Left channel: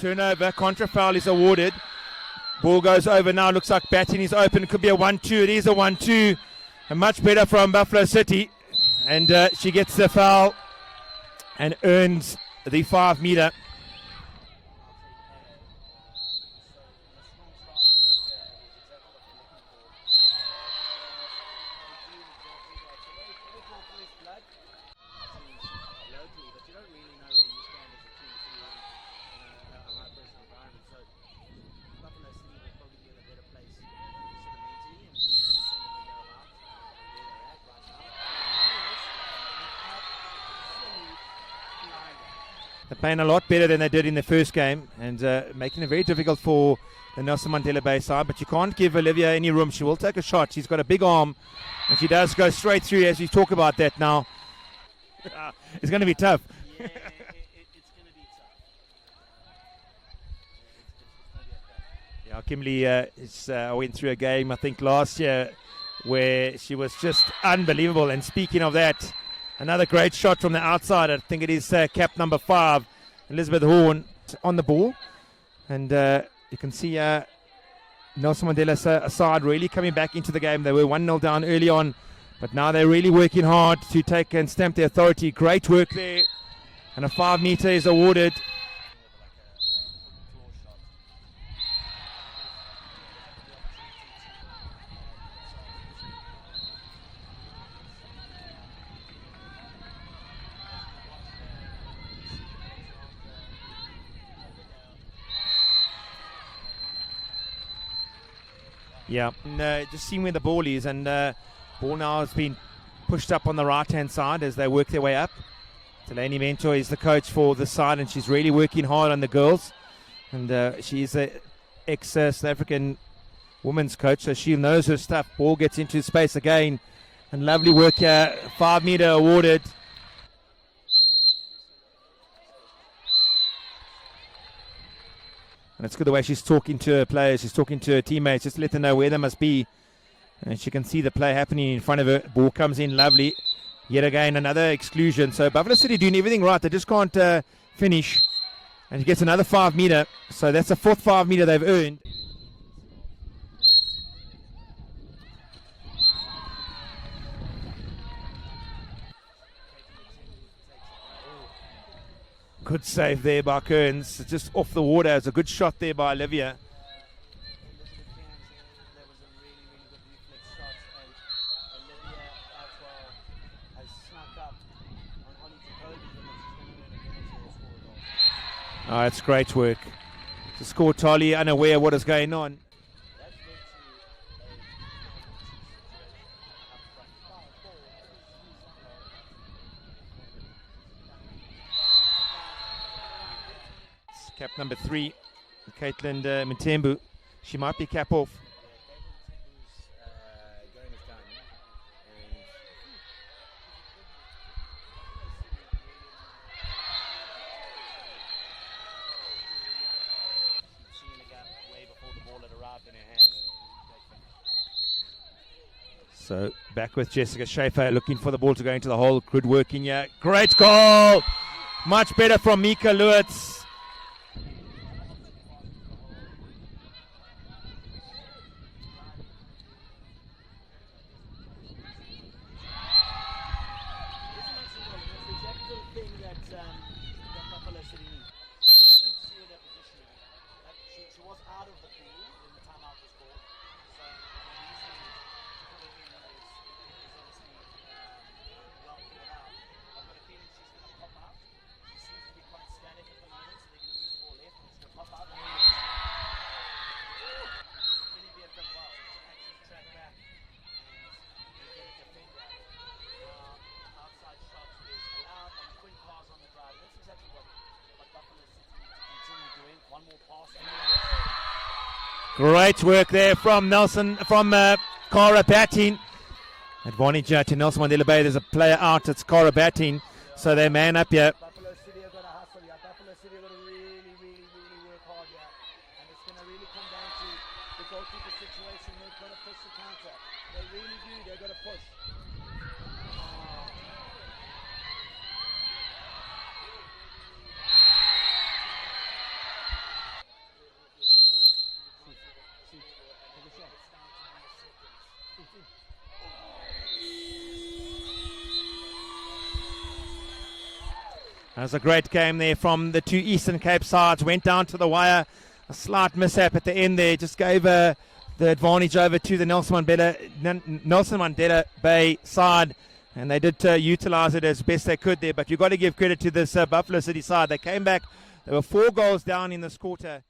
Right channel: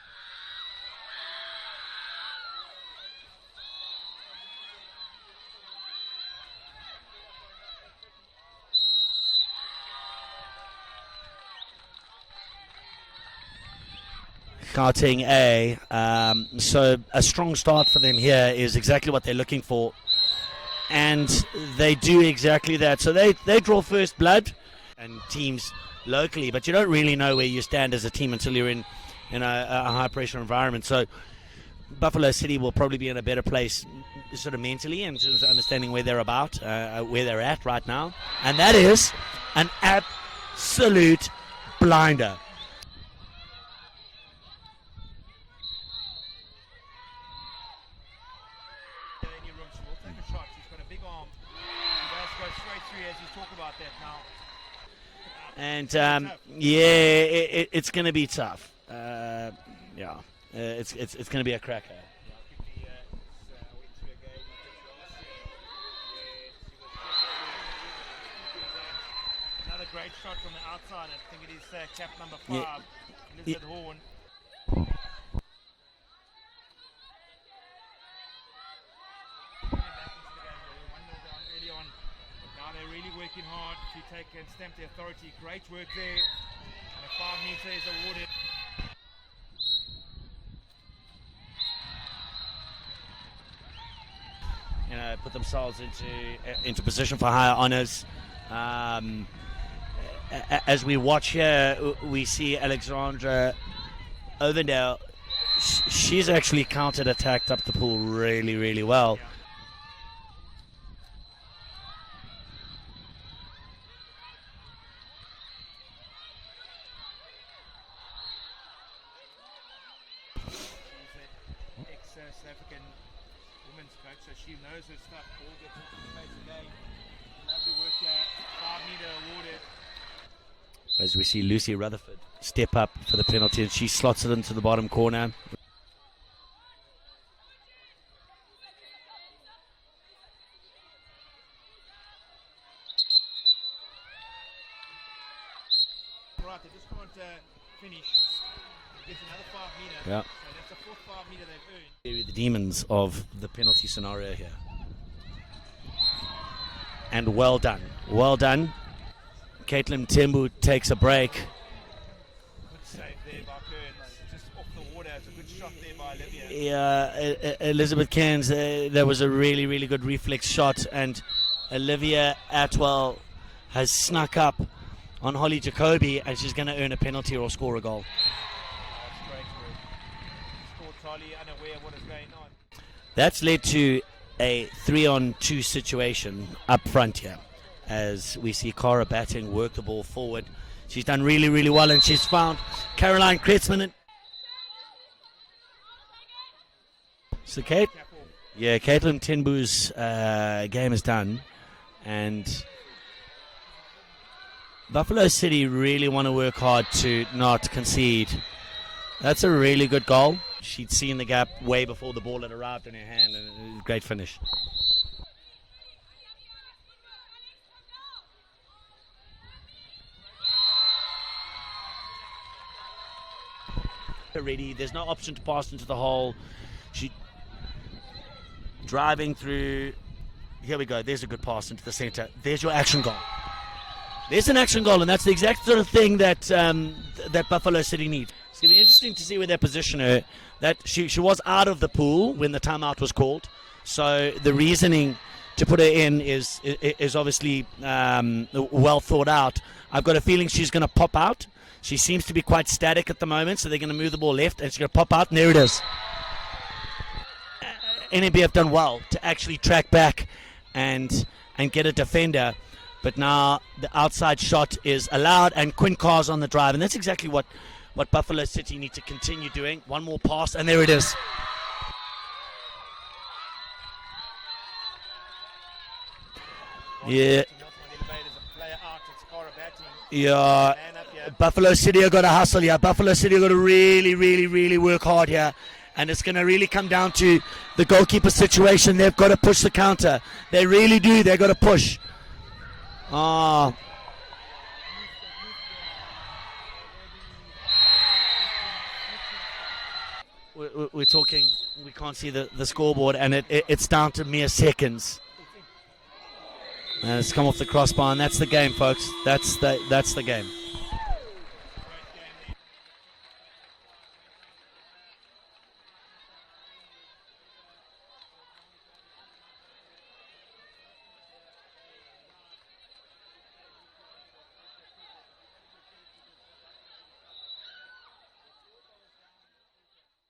Turnover, contra foul is awarded. Ball goes over now, looks like batting is open. It could be a 1-2, it is a 1-2. And much better from Buffalo City. And she gets the foul and earns the 5 meter. Gauteng A. So a strong start for them here is exactly what they're looking for. And they do exactly that. So they draw first blood and teams locally, but you don't really know where you stand as a team until you're in a high pressure environment. So Buffalo City will probably be in a better place sort of mentally and sort of understanding where they're where they're at right now. And that is an absolute blinder. They're playing a lot better than they did in the first game and making it very difficult for the Nelson Mandela Bay side, but you can't give Olivia any room. She will take a shot. She's got a big arm and she does go straight through, as we talk about that now. And it's going to be tough. Yeah, it's going to be tough. It's going to be a cracker. Yeah, Kimberly went through a game, I think, last year where she was just unbelievable. And speaking of that, another great shot from the outside. I think it is cap number 5, Elizabeth Horn, on the ball. And you can see Nelson Mandela's side really coming back into the game. They were 1-0 down early on, but now they're really working hard to take and stamp their authority. Great work there. And a 5 meter is awarded. Put themselves into position for higher honours. As we watch here, we see Alexandra Ovendale. She's actually counter-attacked up the pool really, really well. Yeah, and, just seeing where the ball is, and ball now has been pushed up on the right-hand side as they work their way up. Delaney Mentor is the coach for the side, and she's really working hard on the girls. And she's an ex-South African women's coach, so she knows her stuff. Ball gets into space again, and lovely work here. 5 meter awarded. As we see Lucy Rutherford step up for the penalty, and she slots it into the bottom corner. And it's good the way she's talking to her players, she's talking to her teammates, just to let them know where they must be. And she can see the play happening in front of her. Ball comes in, lovely. Yet again, another exclusion. So Buffalo City doing everything right. They just can't finish. And he gets another 5 meter. Yeah. So that's the 4th 5 meter they've earned. The demons of the penalty scenario here. And well done. Well done. Caitlin Tembu takes a break. Good save there by Kearns. Just off the water. It's a good shot there by Olivia. Yeah, Elizabeth Cairns, there was a really, really good reflex shot. And Olivia Atwell has snuck up on Holly Jacoby, and she's going to earn a penalty or score a goal. Oh, it's great work. To score totally unaware of what is going on. That's led to a 3-on-2 situation up front here, as we see Cara batting, work the ball forward. She's done really, really well, and she's found Caroline Kretzmann. Cap number 3, Caitlin Mtembu. She So might be cap off. Yeah, Caitlin Mtembu's game is done, and Buffalo City really want to work hard to not concede. That's a really good goal. She'd seen the gap way before the ball had arrived in her hand, and it was a great finish. So back with Jessica Schaefer, looking for the ball to go into the hole. Good work in here. Great goal. Much better from Mika Lewitz. Already, there's no option to pass into the hole. She driving through. Here we go. There's a good pass into the center. There's your action goal. There's an action goal, and that's the exact sort of thing that that Buffalo City needs. It's going to be interesting to see where they position her. That she was out of the pool when the timeout was called, so the reasoning to put her in is obviously well thought out. I've got a feeling she's going to pop out. She seems to be quite static at the moment, so they're going to move the ball left, and she's going to pop out, and there it is. NMB have done well to actually track back and get a defender, but now the outside shot is allowed, and Quinn Carr's on the drive, and that's exactly what Buffalo City need to continue doing. One more pass, and there it is. Great work there from Cara batting. Advantage to Nelson Mandela Bay. There's a player out. It's Cara batting. Yeah. So they man up here. Buffalo City have got to hustle here. Buffalo City have got to really, really, really work hard here. And it's going to really come down to the goalkeeper situation. They've got to push the counter. They really do. They've got to push. we're talking, we can't see the scoreboard, and it's down to mere seconds. And it's come off the crossbar, and that's the game, folks. That's the game. That was a great game there from the two Eastern Cape sides. Went down to the wire. A slight mishap at the end there. Just gave the advantage over to the Nelson Mandela Bay side. And they did utilize it as best they could there. But you've got to give credit to this Buffalo City side. They came back. They were 4 goals down in this quarter.